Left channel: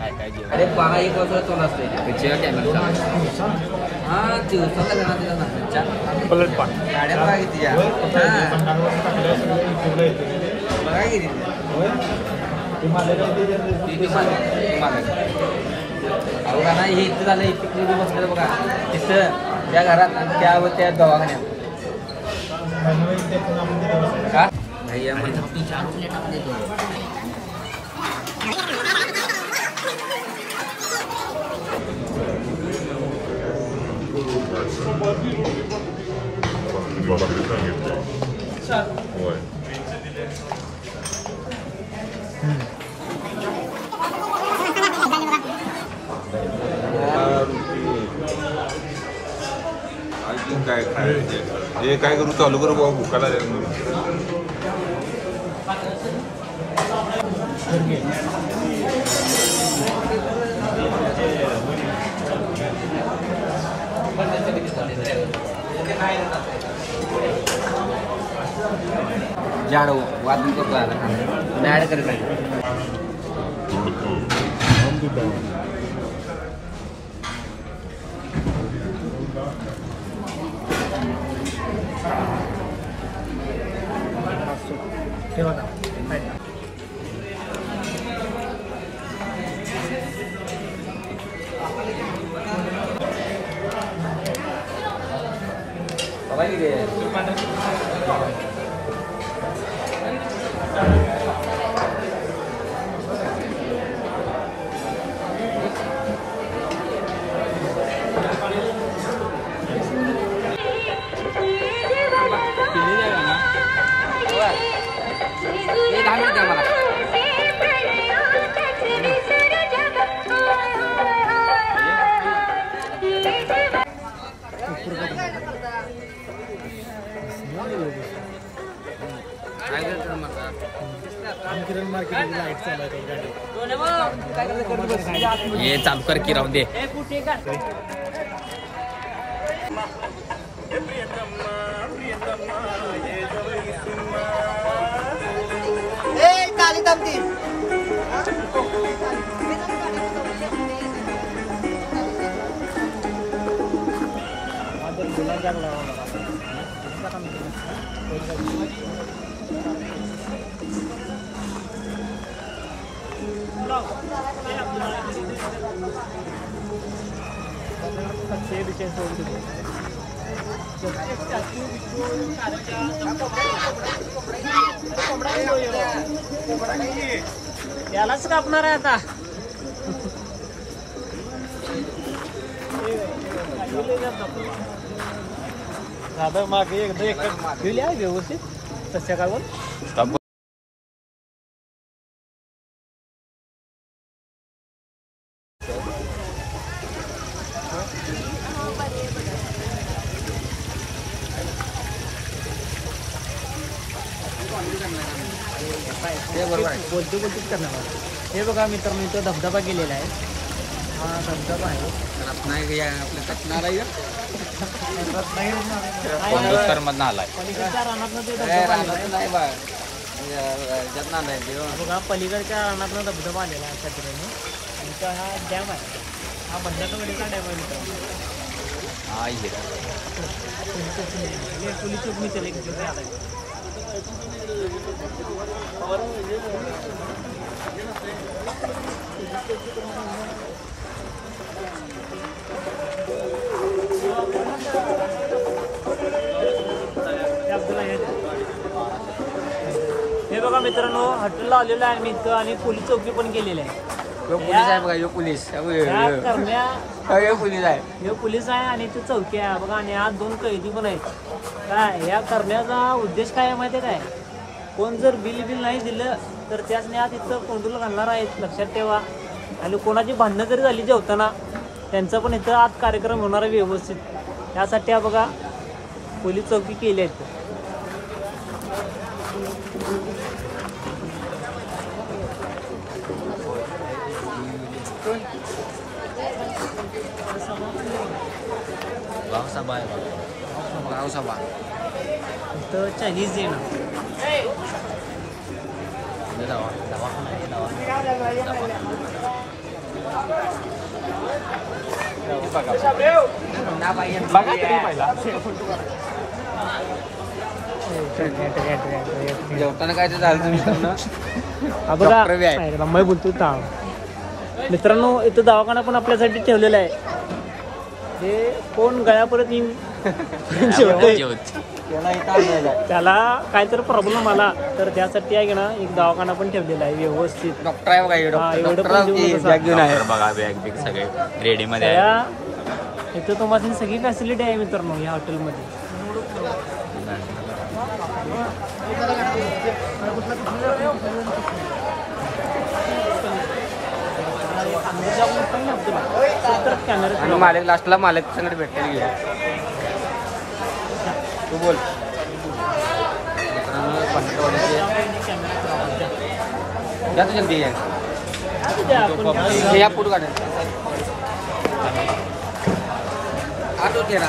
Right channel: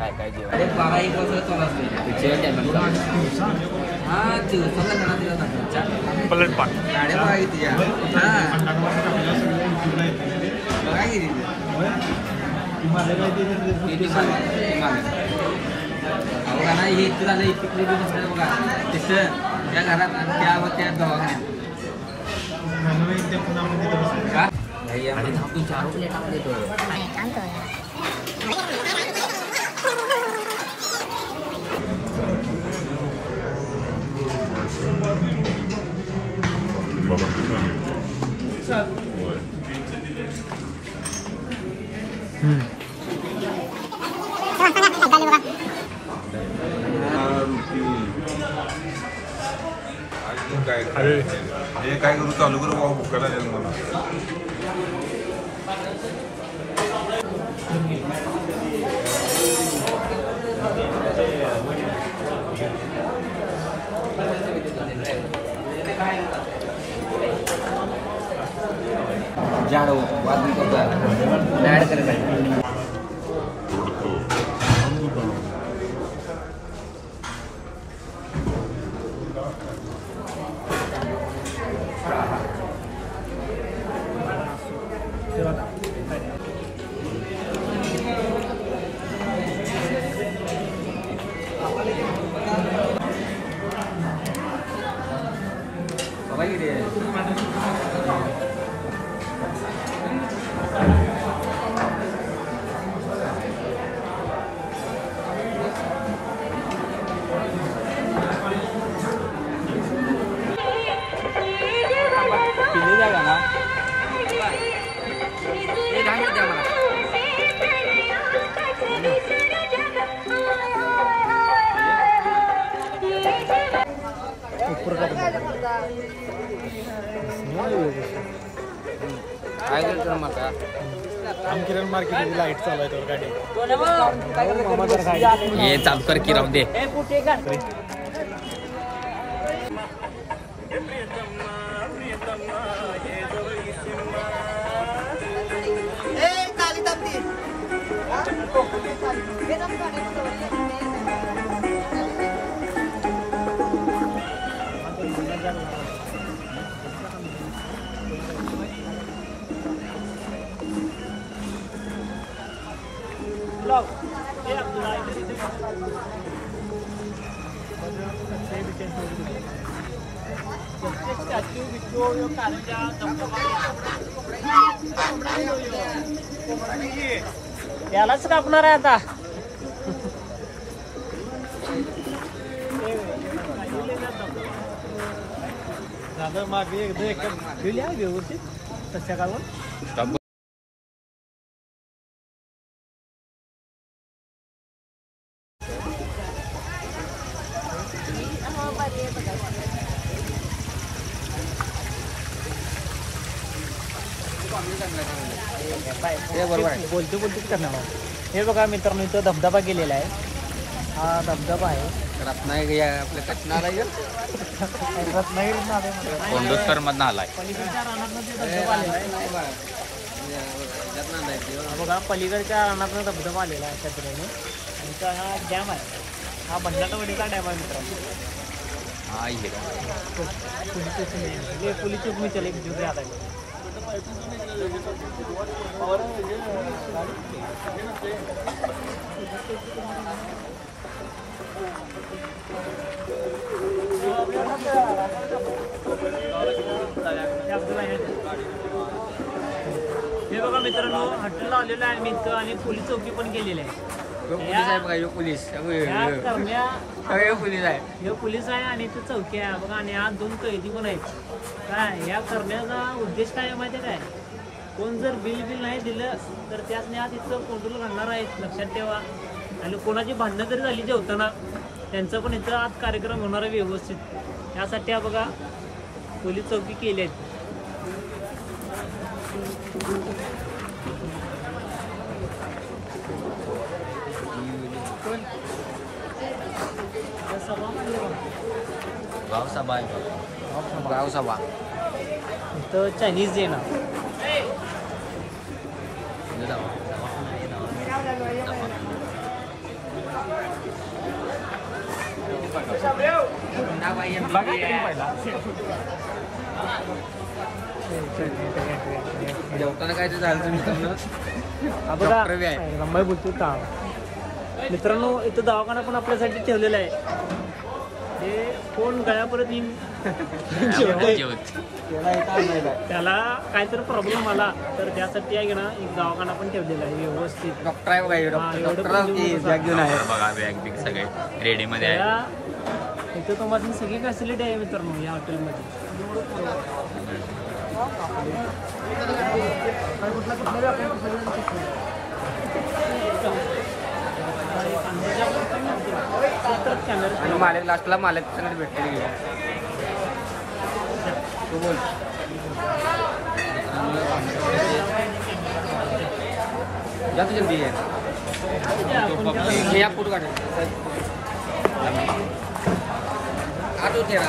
काय काय जेवण 12-1 वाजता चालू असते त्याच्या टायमिंग चालू हां दिवसाला जमा दिला ना पलट पाट गाड्या बघा किती या हां बघा किती अवघा ना हे इथं झालं इथं बसलं बघा तिथं त्या घरात त्यावर त्या दवाखान्यात का भैया म्हणजे आपण 4 रुपये टाकून देतो हे काय करू चालू करू बाबा भुकाला मला ये चालू कर की राहून दे यालाच कापणार आहे आता दादा मागे एकदा दिली आहे व्यवस्थित तशा कावर हे बघा मित्रांनो इथे धबधबा गेलेला आहे हा धबधबा आहे रत्नागिरी आपल्या कचनार आहे कोंडोस्कर मधनं आलाय पलीकडच्या रानातनं ते धबधबा आलेला आहे बघा पलीकडच्या रानातनं धबधबा आलेला आहे छत्र्याने आणि तो हा डॅम आहे हा बंडाटवाडीचा डॅम आहे मित्रांनो हा हिरा पोलीस चौक मी केलं की हे बघा मित्रांनो हॉटेलला आलेलं आहे मी इथं आणि पोलीस चौकी पण केलेली आहे पोलीस आहे बघा यो पोलीस पोलीस आहे हे पोलीस आहे आणि तो चौकी आहे बघा आणि आज 2 कैदी पण आहेत काय या करण्याचा उद्देश काय माहिती आहे काय कोण जर बिल नाही दिलं तर त्याचने आज इथं कोंडूला घालणार आहेत लक्षात ठेवा आणि कोणाची भांडणं जरी झाली जेवताना त्यांचा पण इथं आज कार्यक्रम होणार आहे व्यवस्थित त्यासाठी बघा पोलीस चौकी केली आहे गावसभा आहे बघा गावसभा इथं चायनीज देणार दवाखाना आहे दवाखाना बघा तरी पहिला जेवताना काय ते झालं तुम्ही त्यांना मी बोलतो मित्रांनो इथं दवाखाना पण आपल्यासाठी ठेवलेला आहे हे कोण गळ्यापर्यंत येऊन त्याला काहीतरी प्रॉब्लेम आला तर त्यासाठी आहे ना एक दवाखाना पण ठेवलेला आहे व्यवस्थित डॉक्टर आहे बघा हे एवढं डॉक्टर पण देऊ नका. डॉक्टर बघा बॅग बिग सगळे रेडी मध्ये आहे. इथं तुम्हाला सगळी फॅसिलिटी आहे मित्रांनो या हॉटेलमध्ये आणि मालक लास्टला मालक संगत भेटले गेले तू बोल जास्त जल्दी आहे या पुढं काढ आठवते तेरा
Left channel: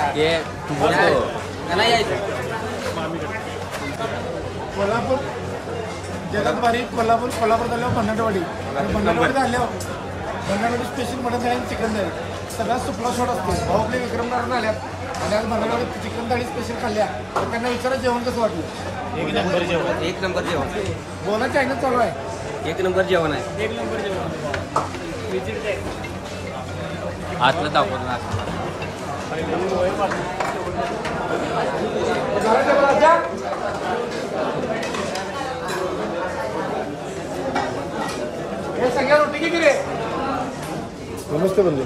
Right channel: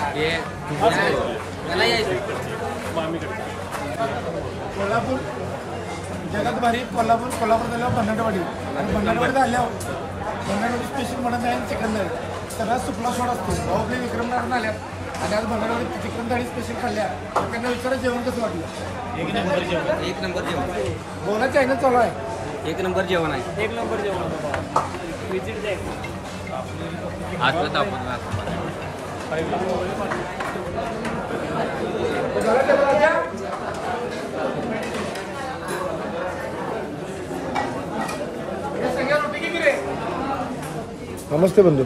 त्याला यायचं कोल्हापूर जगात भारी कोल्हापूर झाल्यावर भंडारवाडी आणि भंडारवाडीत आल्यावर भंडारवाडी स्पेशल मटन थाळी आणि चिकन थाळी सगळ्यात सुपला शॉट असतो भाऊ आपले विक्रमनारायण आल्यात आणि आज भंडारवाडीत चिकन थाळी स्पेशल खाल्ल्या तर त्यांना विचारा जेवण कसं वाटलं एक नंबर जेवण बोला चॅनल चालू आहे एक नंबर जेवण आहे एक नंबर जेवण विजिट द्या एकदा आतलं दाखवून हे सगळ्या रोटी किती रे नमस्ते बंधू